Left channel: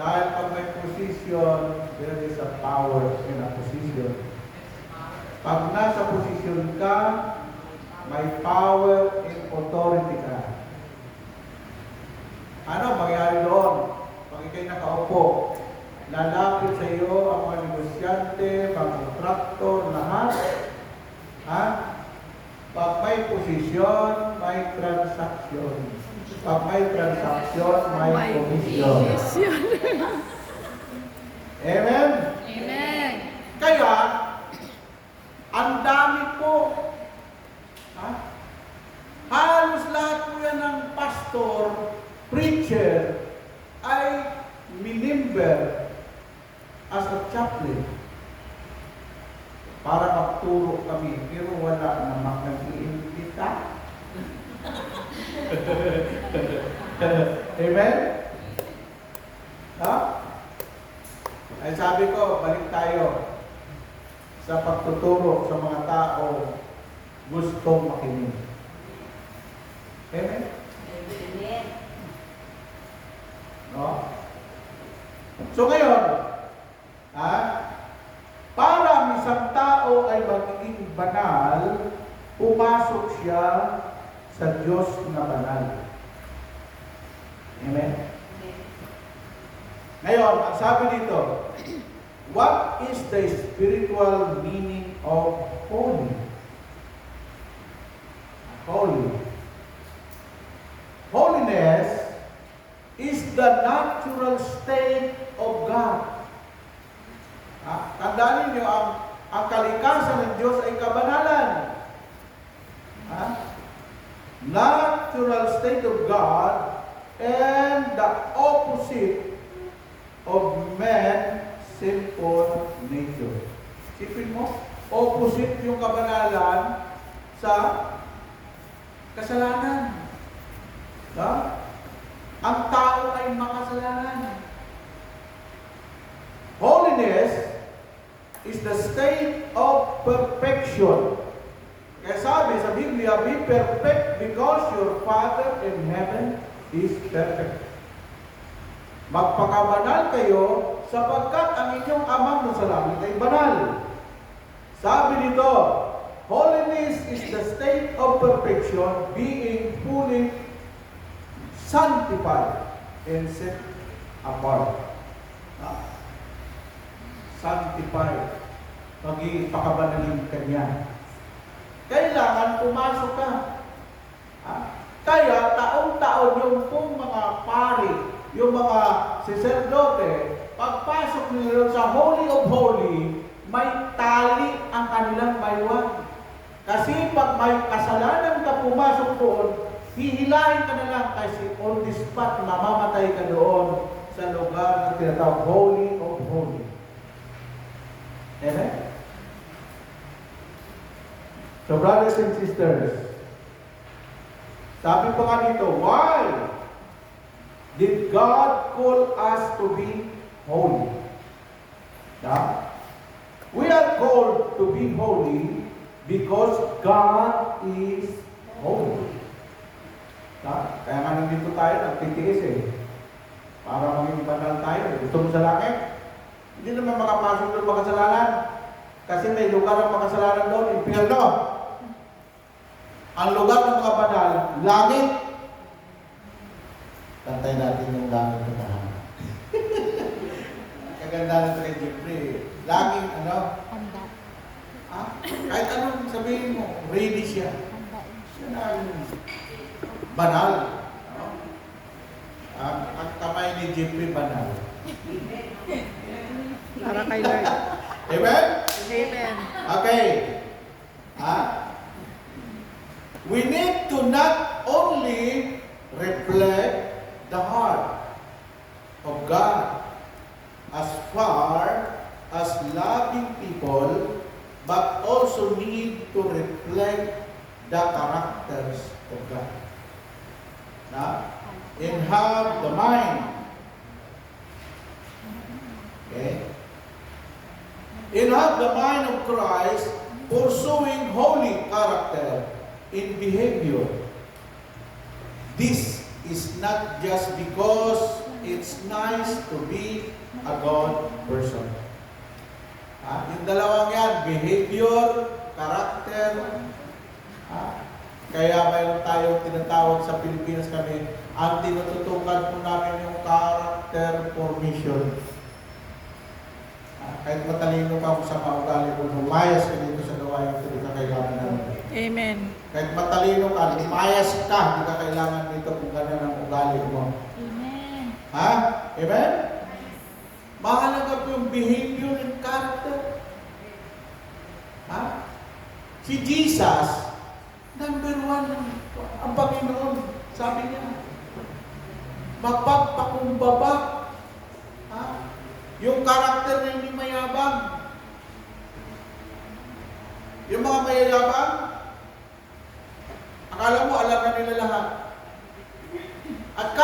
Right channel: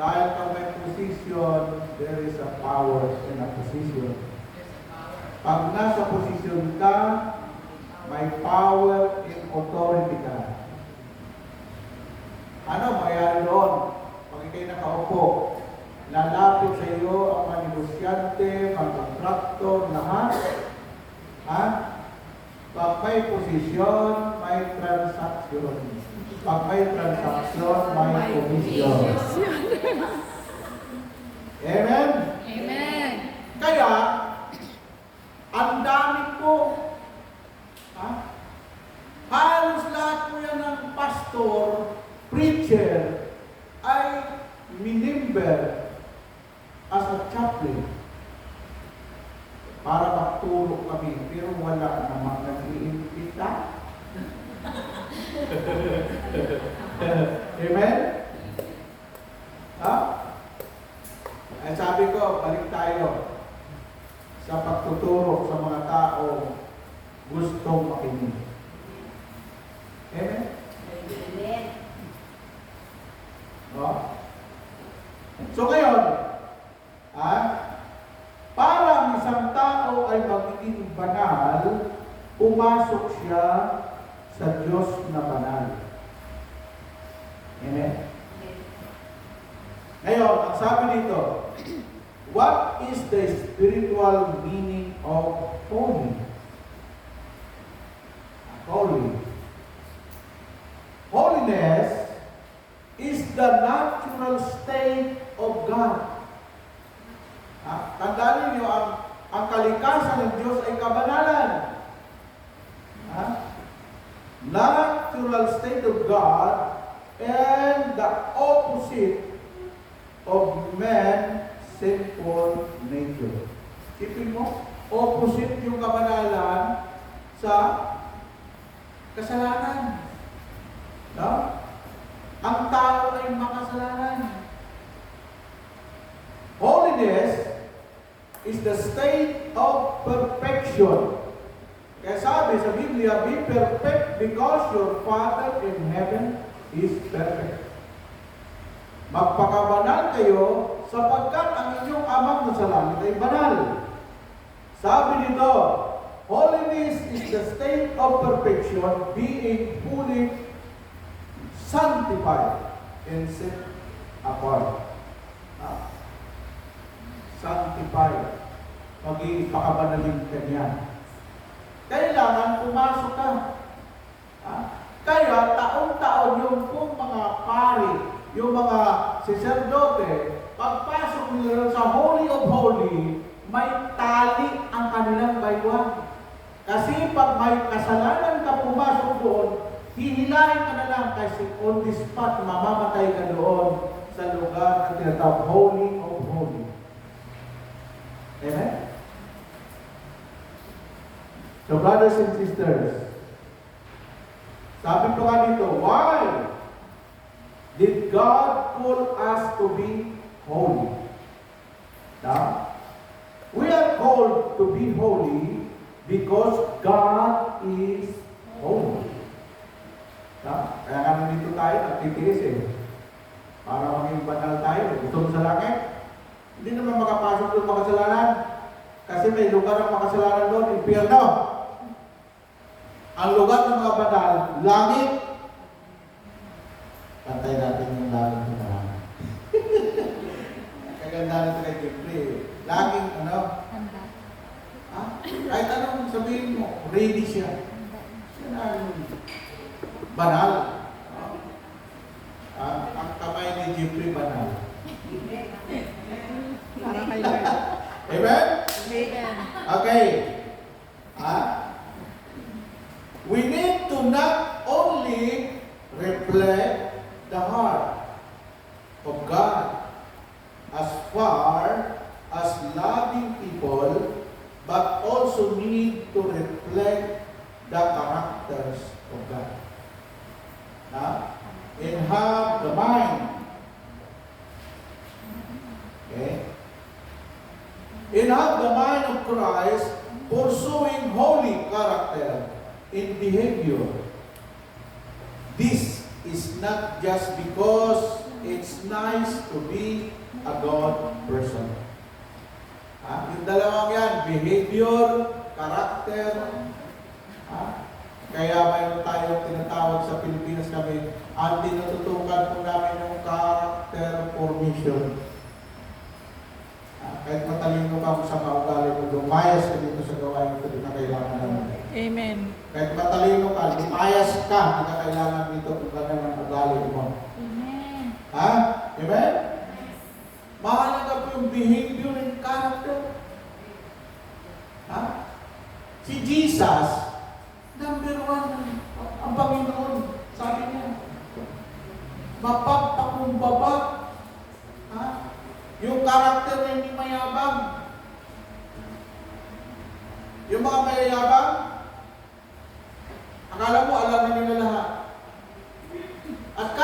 Dahil pag may position, there is a power in a position. Pag nasa position ka, may power and authority ka. Ano mangyayari doon? Pag ikay nakaupo, lalapit sa iyo ang mga negosyante, mga kontraktor, lahat. Ha? Pag may posisyon, may transaction. Pag may transaction, may posisyon. Amen? Amen. Kaya, ang dami po, halos lahat po yan ng pastor, preacher, ay minimber as a chaplain para magturo kami, pero wala namang nag-iimbita. Amen? Ha? Ay sabi ko, balik tayo sa pagtuturo sa mga tao gustong makinig. Amen? Amen. No? So ngayon, para ang isang tao ay magiging banal, pumasok siya sa Diyos na banal. Amen? Ngayon, ang sabi dito, what is the spiritual meaning of holy? Holy. Holiness is the natural state of God. Tandaan niyo, ang kalikasan ng Diyos ay kabanalan. Natural state of God and the opposite of man's sinful nature. Sipin mo, opposite yung kabanalan sa kasalanan. Ang tao ay makasalanan. Holiness is the state of perfection. Kaya sabi sa Biblia, be perfect because your Father in heaven is perfect. Magpakabanal kayo sapagkat ang inyong amang nasa langit ay banal. Sabi nito, holiness is the state of perfection, being fully sanctified and set apart. Sanctified. Pag-ipakabanalin ka niya. Kailangan pumasok ka. Kaya taon-taon yung pong mga pari, yung mga sacerdote, pagpasok nila sa Holy of Holy, may tali ang kanilang baywan. Kasi pag may kasalanan ka pumasok doon, hihilahin ka na lang kasi on the spot, mamamatay ka doon sa lugar na tinatawag Holy of Holy. Amen? So brothers and sisters, sabi pa nga dito, why did God call us to be holy? Now, we are called to be holy because God is holy. Kaya nga nandito tayo, nagtitiis para maging banal tayo. Gusto mo sa langit? Hindi naman makapasok doon makasalanan. Kasi may lugar ang makasalanan doon, impyerno. Ang lugar ng mga banal, langit. Pantay natin yung langit ng banal. Kaganda natin kay Jeffrey. Laging, kahit anong sabihin mo, ready siya. Siya na banal. Ang kamay ni Jeffrey banal. Para kay Lord. Amen? Amen. Okay. We need to not only reflect the heart of God as far as loving people, but also need to reflect the characters of God. And have the mind. Okay? And have the mind of Christ, pursuing holy character in behavior. This is not just because it's nice to be a God person. Yung dalawang yan, behavior, character. Kaya mayroon tayong tinatawag sa Pilipinas kami, ang tinututukan po namin yung character formation. Kahit matalino ka sa maugali mo, lumayas ka dito sa gawain ito, di ka kailangan namin. Amen. Kahit matalino ka, lumayas ka, di ka kailangan dito kung gano'n ang ugali mo. Amen. Amen? Mahalaga po yung behavior and character. Si Jesus, number one, ang Panginoon, sabi niya, mapagpakumbaba. Yung karakter na hindi mayabang. Yung mga mayabang, akala mo alam na nila lahat. At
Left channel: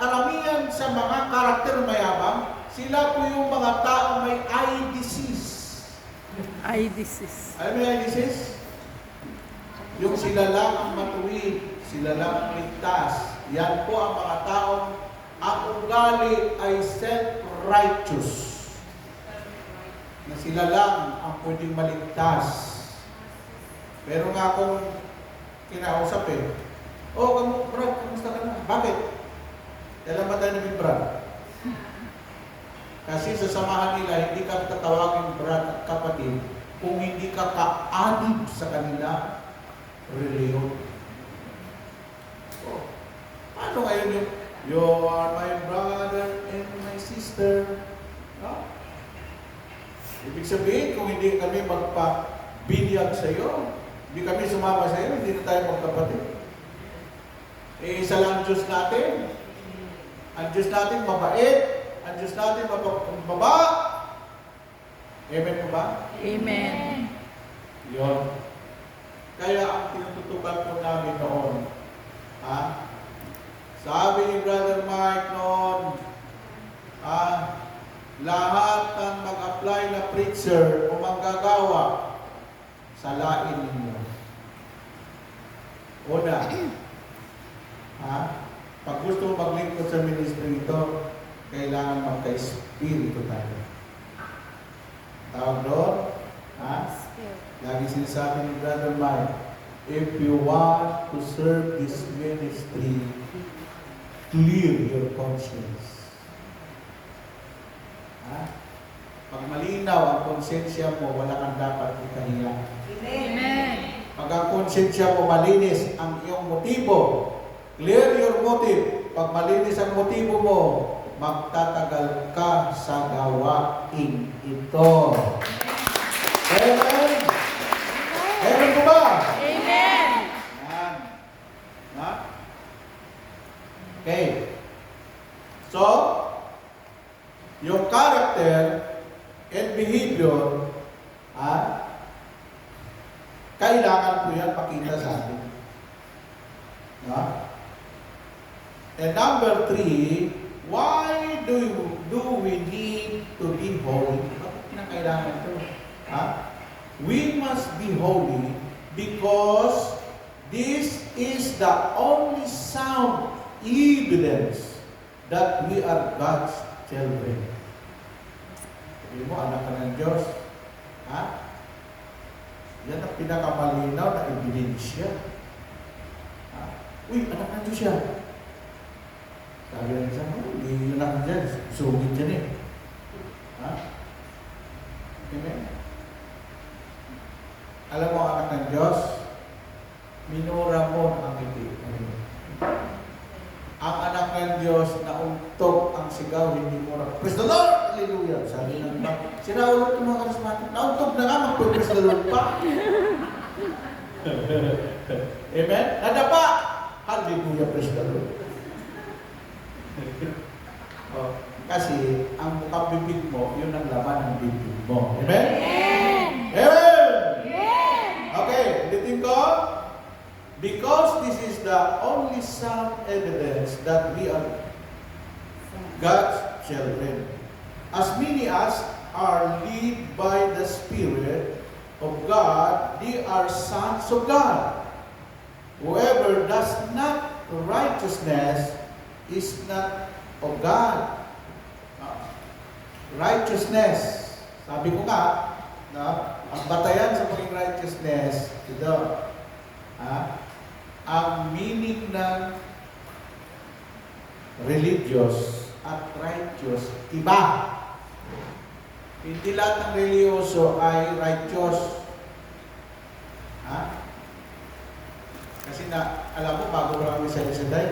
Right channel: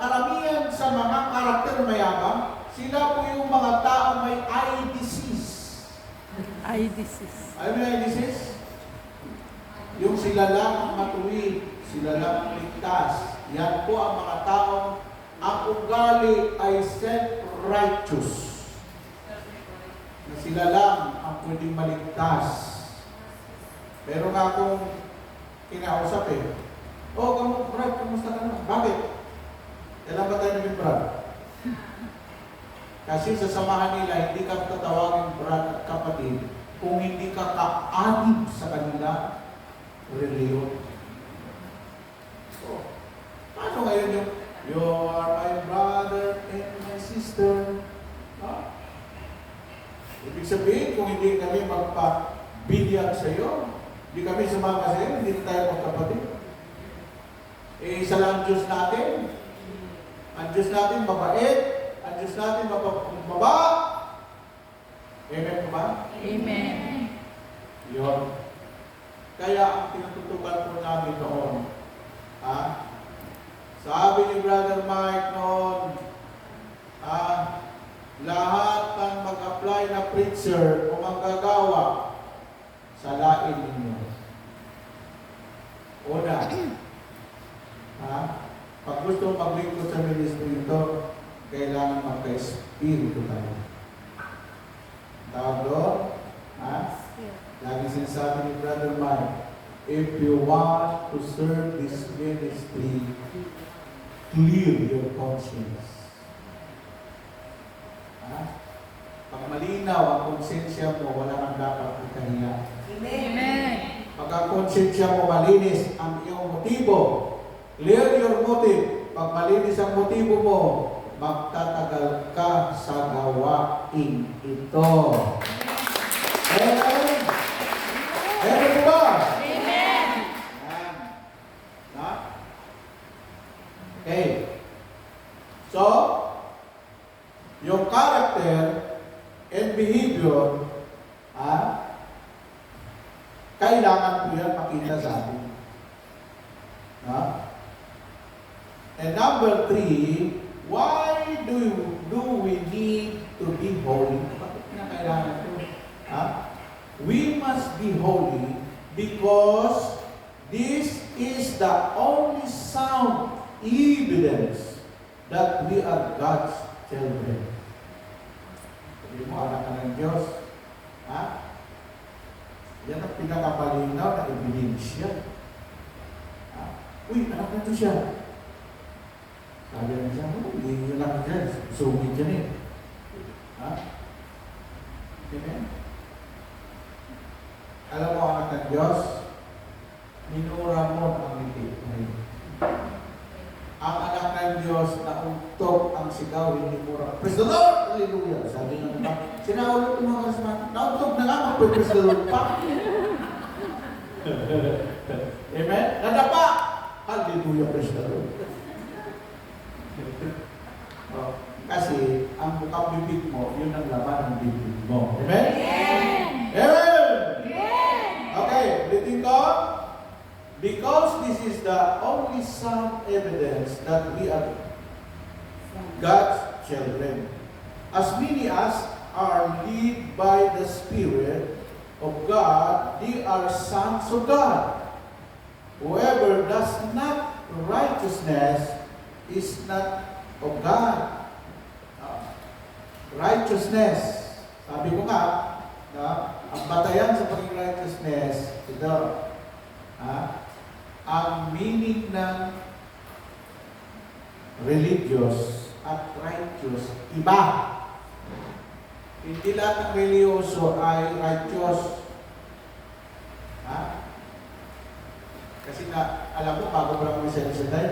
karamihan sa mga karakter na mayabang, sila po yung mga tao may eye disease. Eye disease. Alam mo yung eye disease? Yung sila lang ang matuwid, sila lang ang ligtas. Yan po ang mga taong ang ugali ay self-righteous. Na sila lang ang pwedeng maligtas. Pero nga kung kinausap Brad, kamusta ka na? Bakit? Kailan ba tayo naging Brad? Kasi sa samahan nila, hindi ka tatawagin Brad at kapatid kung hindi ka kaanib sa kanila reliyon. Paano ngayon yung you are my brother and my sister? Ibig sabihin, kung hindi kami magpa-binyag sa iyo, hindi kami sumama sa iyo, hindi na tayo magkapatid. Isa lang Diyos natin. Ang Diyos natin mabait. Ang Diyos natin mababa. Amen po ba? Amen. Yun. Kaya ang tinututukan po namin noon, sabi ni Brother Mike noon, lahat ng mag-apply na preacher o manggagawa, salain ninyo. Una, pag gusto maglingkod sa ministry ito, kailangan magka-espiritu tayo. Tawag doon, lagi sinasabi ni Brother Mike, if you want to serve this ministry, clear your conscience. Pag malinaw ang konsensya mo, wala kang dapat ikahiya. Amen. Pag ang konsensya mo malinis ang iyong motibo, clear your motive. Pag malinis ang motibo mo, magtatagal ka sa gawain ito. Amen? Amen po ba? Amen. Yan. Okay. So, yung character and behavior, kailangan po yan pakita sa atin. And number 3, why do we need to be holy? Bakit na kailangan ito? We must be holy because this is the only sound evidence that we are God's children. Sabi mo, anak ka ng Diyos. Yan ang pinakamalinaw na ebidensya. Uy, anak na ito siya. Sabi lang siya, hindi yun lang dyan. Sungit dyan Amen? Alam mo, anak ng Diyos, minura mo ang ngiti. Ang anak ng Diyos, nauntok ang sigaw, hindi mura. Praise the Lord! Hallelujah! Sabi ng iba, sinaulat ng mga karismatik, nauntok na nga, mag-praise the Lord pa. Amen? Nadapa! Hallelujah! Praise the Lord! Kasi, ang mukhang bibig mo, yun ang laman ng bibig mo. Amen? Amen! Okay, ulitin ko. Because this is the only sound evidence that we are God's children. As many as are led by the Spirit of God, they are sons of God. Whoever does not righteousness is not of God, righteousness. Sabi ko nga, na, ang batayan sa pagiging righteousness, ito, ang meaning ng religious at righteous, iba. Hindi lahat ng religyoso ay righteous. Kasi alam mo, bago pa lang kami sa Lisenday,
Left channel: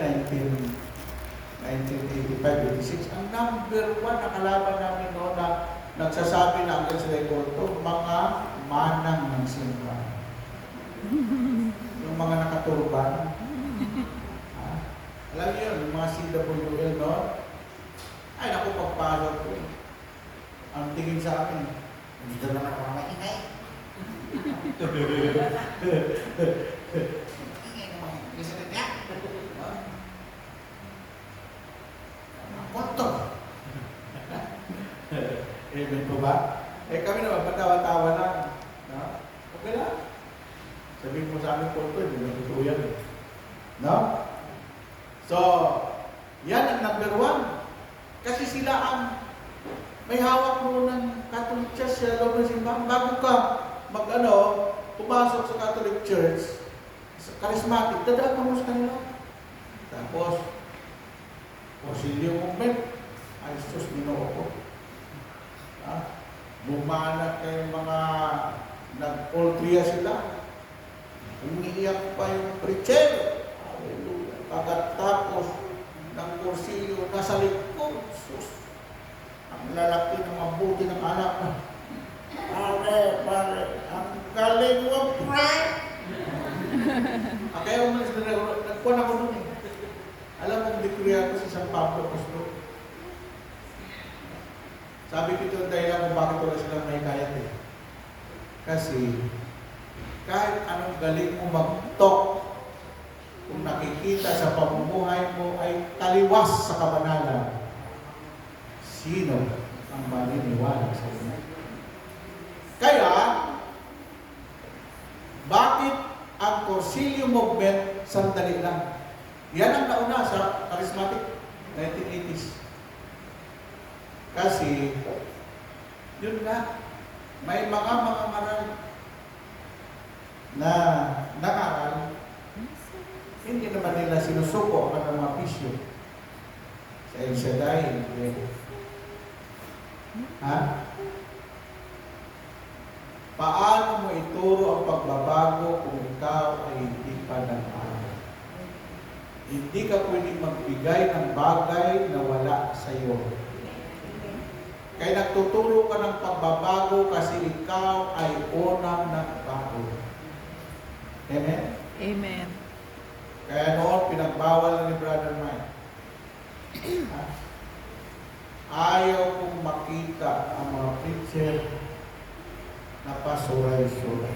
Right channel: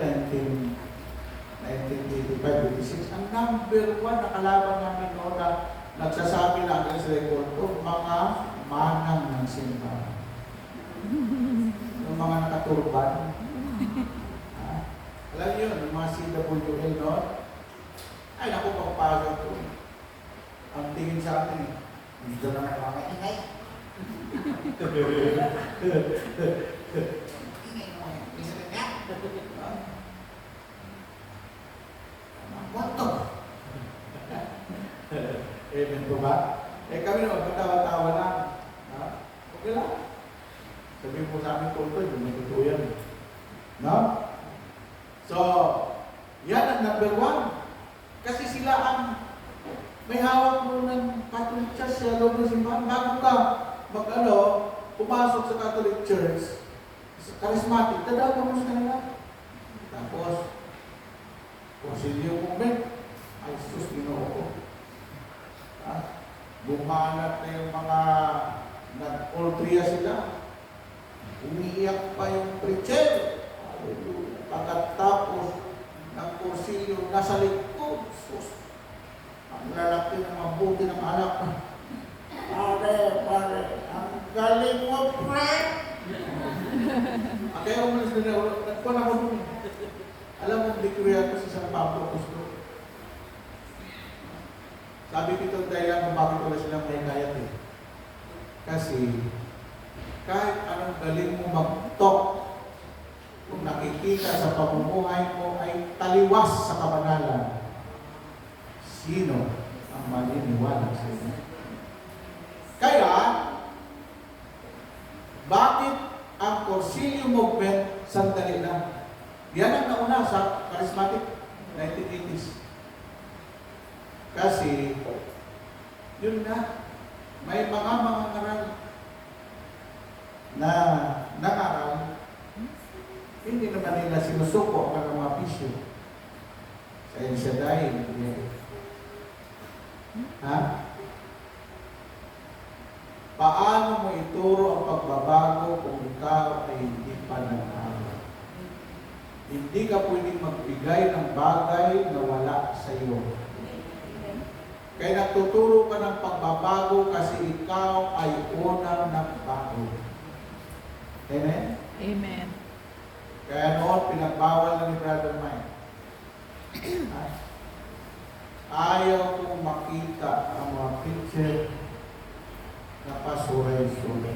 1985-86, ang number one na kalaban namin noon na nagsasabi na hanggang sa record, mga manang ng simbahan. Yung mga nakaturban. Alam niyo yun, yung mga CWL, no? Ay, naku, pagpasok ko. Ang tingin sa akin, dito naman ako mga ingay. Ingay naman. Bisa rin niya. What? Amen po ba? Kami naman, patawa-tawa lang. No? Okay lang. Sabihin mo sa amin, Paul, hindi natutuwa yan. No? So, yan ang number one. Kasi sila ang may hawak mo ng Catholic Church sa loob ng simbahan. Bago ka pumasok sa Catholic Church, sa charismatic, dadaan mo sa kanila. Tapos, Concilium movement, ay sus, Ginoo ko. Bumanat na yung mga nag-ultria sila. Umiiyak pa yung preacher. Hallelujah. Pagkatapos ng kursilyo, nasa likod. Sus. Ang lalaki ng mabuti ng anak. Pare, ang galing mo, pre! Kaya umalis na rin. Nagpuan ako nun eh. Alam mo, dekriya ko sa San Pablo Apostol. Sabi ko ito dahil kung bakit wala silang naikayat eh. Kasi, kahit anong galing mo mag-talk, kung nakikita sa pamumuhay mo ay taliwas sa kabanalan, sino ang maniniwala sa inyo? Kaya, bakit ang Concilium movement sandali lang? Yan ang nauna sa charismatic 1980s. Kasi, yun na, may mga ngaral na nangaral, hindi naman nila sinusuko ang mga bisyo. Sa El Shaddai, hindi. Paano mo ituro ang pagbabago kung ikaw ay hindi pa nag-aaral? Hindi ka pwedeng magbigay ng bagay na wala sa iyo. Kaya nagtuturo ka ng pagbabago kasi ikaw ay unang nagbago. Amen? Amen. Kaya noon, pinagbawal na ni Brother Mike. Ayaw kong makita ang mga preacher na pasuray-suray.